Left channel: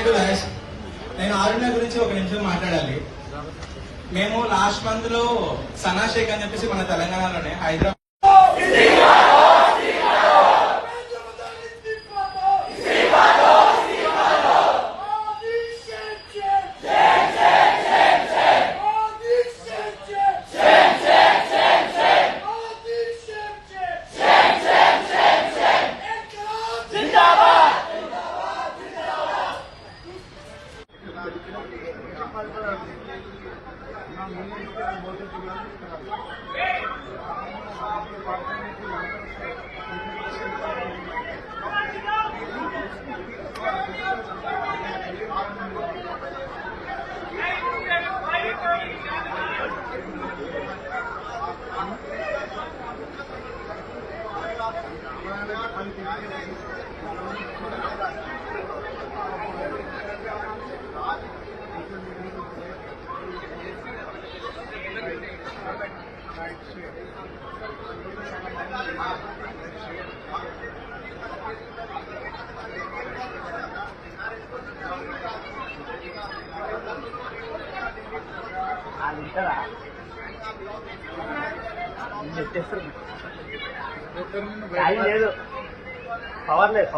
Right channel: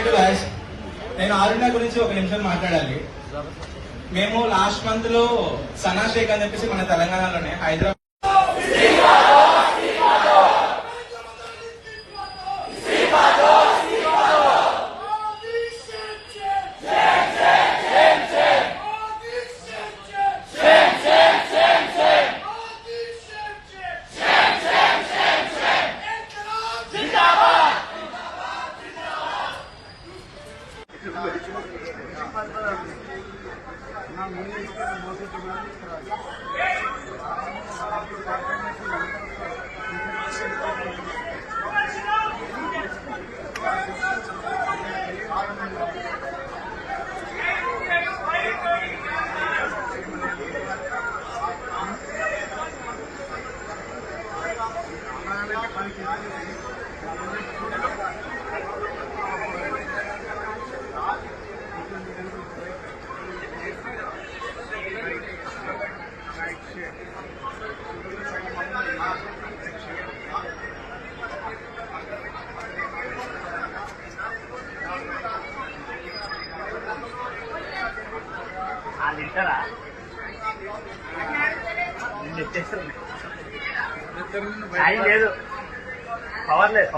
నేను ఆరుణ గురించి ఒక నిమిషం మాట్లాడాలి. మేము లాస్ట్ మంత్ లో సనా షేక్ అని చెప్పేసి మన తెలంగాణలోనే హైదరాబాద్ లేదు పవర్ లేదు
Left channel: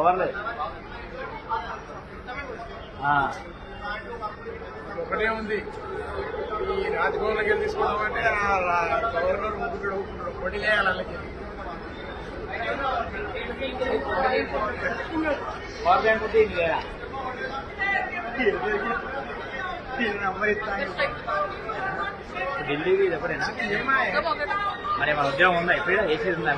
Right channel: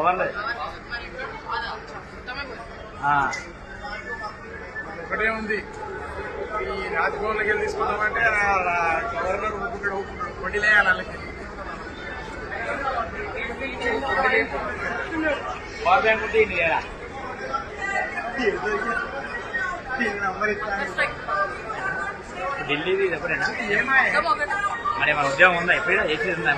ఒకటే ఉంది. ఈ రాజభవన్కి వెళ్ళి తీసుకుందామంటే గవర్నర్ పొడిలేయాలి వాళ్ళకి. పవర్ బ్యాంక్ ఉంటే ఇది లేదా ఢిల్లీది ఎప్పుడైనా మరి మన ఉద్యోగం ఉందా? ఎప్పుడు ఏసీ ఉందా?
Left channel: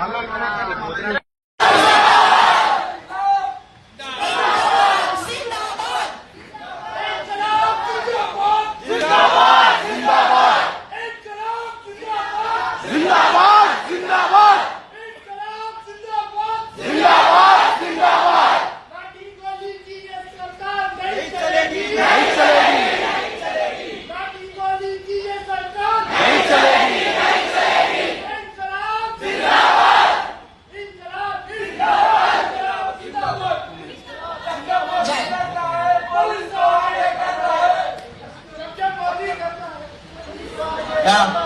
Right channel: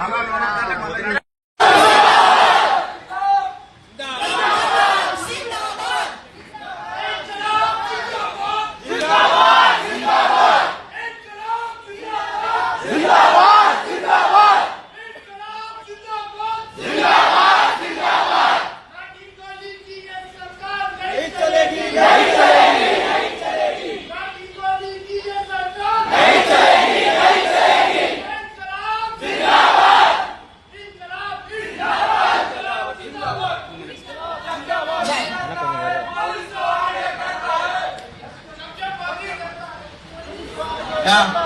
Yeah.